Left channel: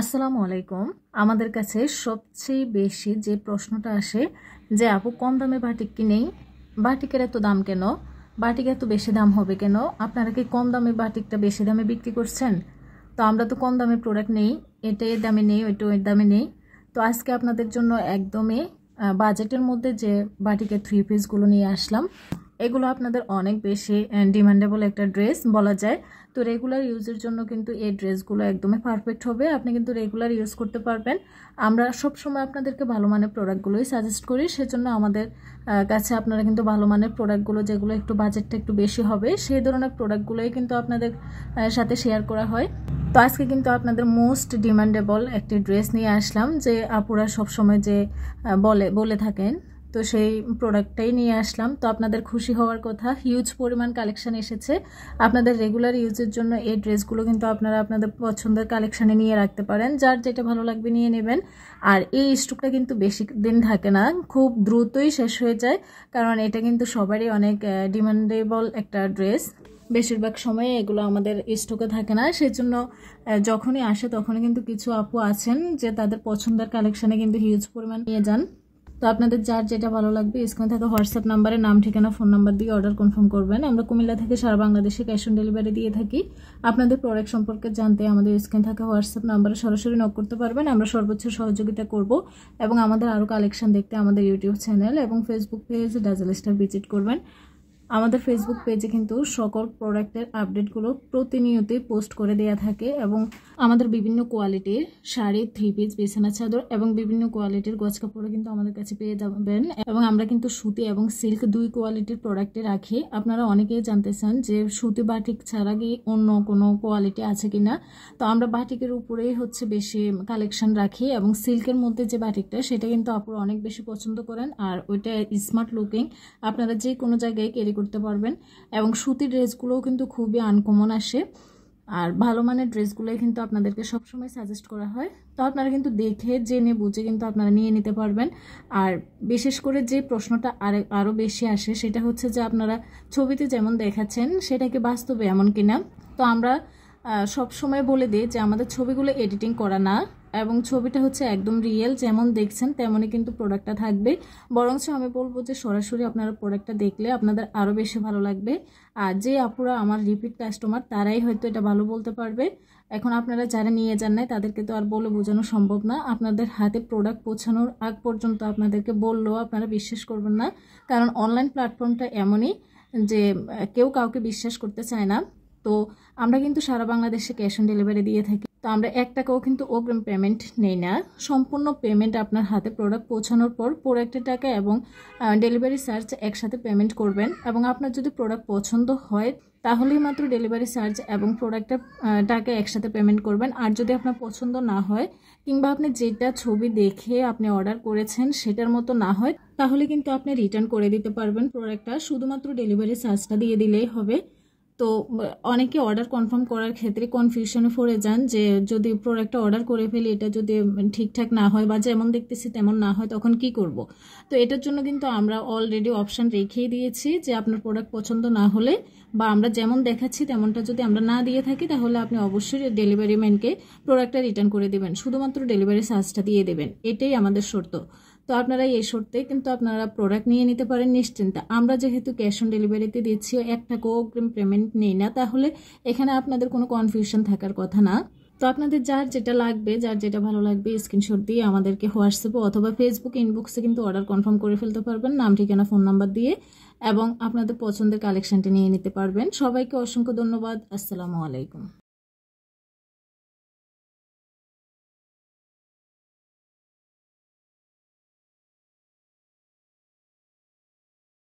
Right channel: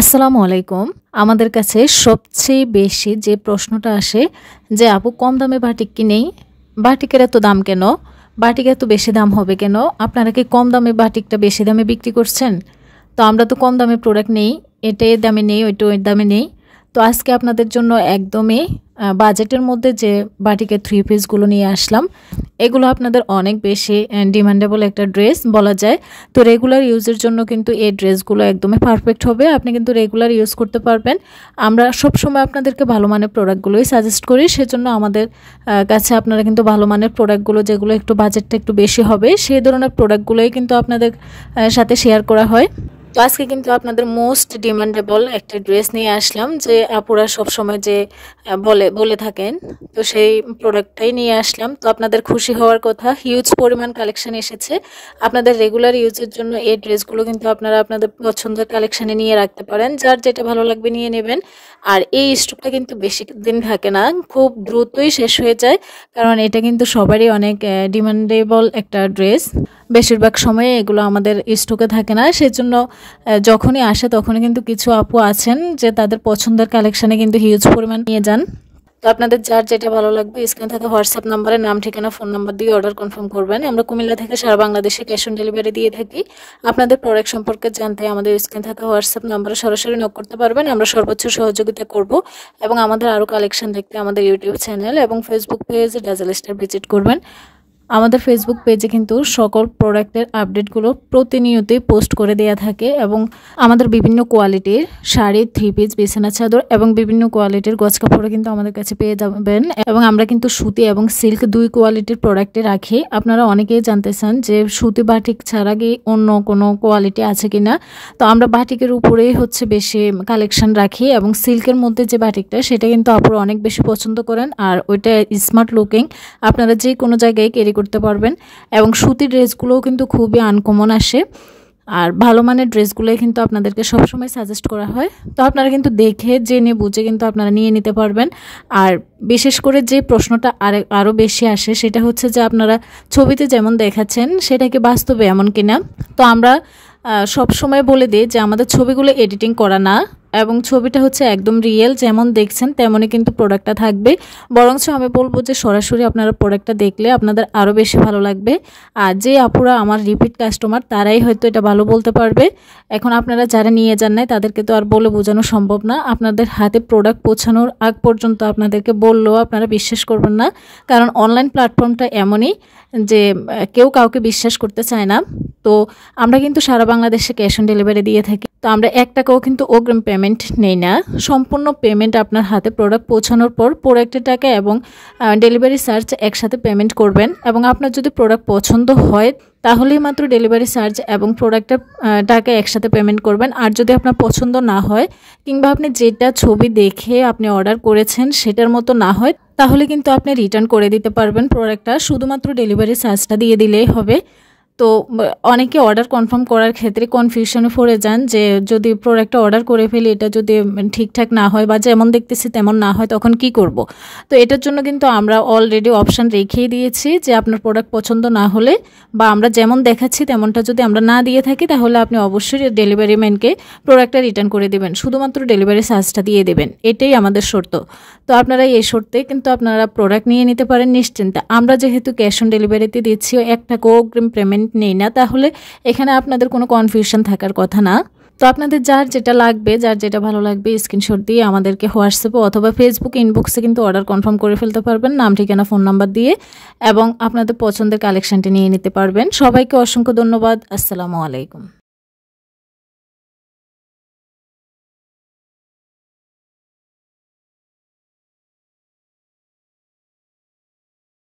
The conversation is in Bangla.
আসসালামু আলাইকুম। আমাদের কাছে সবচেয়ে বেশি যে প্রশ্নটা আসে যে আপু কম দামে বাটিক কিনেই, বাটিকের এত দাম কেন? বাটিক এত বেশি দাম হবে কেন? আপনারা কি কম দামে বাটিকটা বেশি দামে বিক্রি করছেন? তো আমরা তো কম দামে প্রোডাক্ট নেই, এটা এর দামে নেই, ওইটা ওই দামে নেই। তো আজকে আপনাদের জন্য একদমই বাজেটের মধ্যে যে বাটিকের থ্রি পিসগুলো নিয়ে আসলাম। এগুলো আপনাদের অনেক বেশি ডিমান্ডেবল একটা ড্রেস বলা যায়। তো রেগুলার ইউজের জন্য কিন্তু এই ড্রেসগুলো একদমই পারফেক্ট হবে। আপনি কিন্তু রেগুলার ইউজ করতে পারবেন। আমরা সবসময় আপনাদেরকে ভালো মানের প্রোডাক্টগুলোই সাজেস্ট করি, সেজন্য আমাদের কাছে আপনারা কিন্তু ভালো মানের প্রোডাক্টগুলো, যেগুলো একটু বাজেটটা একটু বেশি হবে, সেই ধরনের প্রোডাক্টগুলোই কিন্তু আপনাদের সাথে শেয়ার করা হয়। তো আজকে কিন্তু আপনাদের মোস্ট ডিমান্ডেবল একটা ড্রেস নিয়ে আসলাম, যে আপুরা সবসময় যে বলে থাকেন, তো সেই প্রোডাক্টটাই নিয়ে আসলাম। তো আপনাদের খুশি হওয়ার কথা, হিউজ পরিমাণ কালেকশন এসেছে আপনাদের রেগুলার ইউজের জন্য। এই ড্রেসগুলো কিন্তু আপনারা আপনাদের পছন্দের কালেকশানে নিয়ে রাখতে পারেন, যার যেটা ভালো লাগবে নিয়ে নেবেন। আর এই স্টকটা কিন্তু বেশি দিন থাকে না, খুব দ্রুতই শেষ হয়ে যায়, কারণ এটা কিন্তু সবারই অনেক ডিমান্ডেবল একটা ড্রেস। বেশিরভাগ সময়ে এগুলো আমাদের স্টকে থাকে না, সেজন্য যখনই আসে তখনই কিন্তু কিছু আপু আছেন যে তাদের পছন্দের কালেকশানে কিন্তু হিউজ পরিমাণ নিয়ে যান। তো আপনাদের যার যেটা ভালো লাগবে স্ক্রিনে থাকা হোয়াটসঅ্যাপ নাম্বারে নাম, ঠিকানা, ফোন নাম্বার দিয়ে অর্ডার কনফার্ম করবেন। আমরা কুমিল্লা থেকে সারা বাংলাদেশে ক্যাশ অন ডেলিভারি দিয়ে থাকি। আপনাদের প্রোডাক্ট সম্পর্কে জানতে আমাদের স্ক্রিনে থাকা হোয়াটসঅ্যাপ নাম্বারে সরাসরি নক করতে পারবেন, আমরা সর্বোচ্চ সহযোগিতা করব। এবং আমাদের আরও কালেকশন দেখতে আমাদের ইউটিউব চ্যানেল এবং Facebook page dazzle star visit করবেন। আমাদের ফেসবুক পেজে কিন্তু সকল প্রোডাক্টের আপডেটগুলো প্রতিনিয়তই পোস্ট করে দেওয়া থাকে, এবং আমাদের বিভিন্ন কোয়ালিটির শাড়ি, থ্রি পিস, বিছানা চাদর এবং বিভিন্ন কোয়ালিটির গজ কাপড়ও কিন্তু আমাদের কাছে পেয়ে যাবেন। এবং আমরা কিন্তু সুতি এবং সিল্ক দুই কোয়ালিটির প্রোডাক্টে রাখি। আপনারা অনেকেই জানতে চান যে সুতি বাটিক ছাড়া কি অন্য কোনো কোয়ালিটি আছে কি না। তো আমরা বাটিকের উপরেই বেশি কালেকশন রাখি, এবং সিল্কের মধ্যে যে বাটিকটা সেটা কিন্তু আপনারা অনেক বেশি পছন্দ করেন, আর ওইটা স্মার্ট লুকিং, আপনারা যে কোনো জায়গায় ক্যারি করতে পারবেন। এবং সুতির ড্রেসগুলোও কিন্তু খুবই আনকমন আসে, আর ভালো মানের ড্রেসগুলোই কিন্তু আপনাদেরকে সবসময় সাজেস্ট করা হয়। তো আপনারা কিন্তু দেখে জেনে বুঝে কিন্তু আপনারা নিয়ে নিতে পারবেন। আর বিশেষ করে যে প্রশ্নটা আরও বেশি আসে সেটা হচ্ছে যে আপনারা ছবিতে যেমন দেখাচ্ছেন সেটা কি বাস্তবে এমন কিনা। তো আমরা সব সময় বলে দিই যে আমাদের ছবিগুলো এডিটিং করা না, এবং ছবিটা একদম রিয়েল, যেমন দেখছেন তেমনই কিন্তু প্রোডাক্টটা থাকবে। বরঞ্চ আমি বলবো যে সরাসরি আপনারা প্রোডাক্টটা দেখলে আপনাদের আরও বেশি ভালো লাগবে। আর যে আপুরা আমার রিপিট কাস্টমার তারাই হয়তো এটা ভালো বলতে পারবে। এখন আপনারা যারা নিয়ে যান নাই তাদেরকে তো আর বলে বোঝানো সম্ভব না। আপনাদের হাতে প্রোডাক্ট পৌঁছানোর আগ পর্যন্ত আপনাদেরকে বললেও আপনারা বিশ্বাস করবেন না, কারণ অনলাইন প্ল্যাটফর্মটা এমনই যে কেউ কাউকে বিশ্বাস করতে চায় না। তো আমরা কিন্তু সারা বাংলাদেশে ক্যাশ অন ডেলিভারি দিয়ে থাকি। তো আমরা 1 টাকাও কিন্তু অগ্রিম পেমেন্ট নেই না, সম্পূর্ণ পেমেন্ট আপনার হাতে প্রোডাক্ট পৌঁছানোর পর প্রোডাক্টের টাকা এবং ডেলিভারি চার্জ একসাথে পেমেন্ট করবেন। এবং আপনার যদি প্রোডাক্ট পছন্দ হয় তাহলেই মাত্র ডেলিভারি চার্জ এবং প্রোডাক্টের টাকা একসাথে পেমেন্ট করবেন। আর যদি আপনার পছন্দ না হয়, কিংবা আপনি যেটা ছবি দেখে আপনি অর্ডার করেছেন সেটার মতো না হয়, তাহলে কিন্তু আপনি রিটার্ন করে দিতে পারবেন প্রোডাক্টটা, শুধুমাত্র ডেলিভারি চার্জটা দিয়ে দিলেই হবে। তো অনেকে অর্ডার কনফার্ম করার ক্ষেত্রে কনফিউশনে পড়ে যান যে যদি প্রোডাক্টটা অর্ডার করে ফেলি, এটা যদি ঠিকঠাক না হয় বা যেমন দেখতেছি তেমন না হয়, তখন কি করব। তো এটার জন্য কিন্তু আমরা অলরেডি অপশান রেখেই দিয়েছি যে আপনার প্রোডাক্ট পছন্দ না হলে বা আমরা যেমন দেখাচ্ছি তেমনটা যদি আমরা না দিয়ে থাকি, তাহলে আপনি অবশ্যই ডেলিভারি ম্যানকে প্রোডাক্টটা রিটার্ন করে দেবেন, শুধুমাত্র ডেলিভারি চার্জটা দিয়ে দেবেন, এটাই আমাদের শর্ত। তো আপনারা এই শর্তে কিন্তু আপনারা প্রোডাক্ট নিয়ে নিতে পারেন নিশ্চিন্তে। আমরা যেহেতু ক্যাশ অন ডেলিভারিতে দিচ্ছি, 1 টাকা অগ্রিম পেমেন্ট নেই না, তাহলে এখানে আপনাদের কোনো কনফিউশন থাকার কথা না। তো আপনাদের যার যেটা লাগবে, যার যেটা ভালো লাগবে, স্ক্রিনশট দিয়ে আমাদেরকে হোয়াটসঅ্যাপে অথবা ফেসবুক ইনবক্সে কিন্তু অর্ডার কনফার্ম করে ফেলতে পারবেন, নাম, ঠিকানা, ফোন নাম্বার দিয়ে, এবং আপনাদের পছন্দের কালেকশনটি নিয়ে নিতে পারবেন। সবাইকে অসংখ্য ধন্যবাদ। আসসালামু আলাইকুম।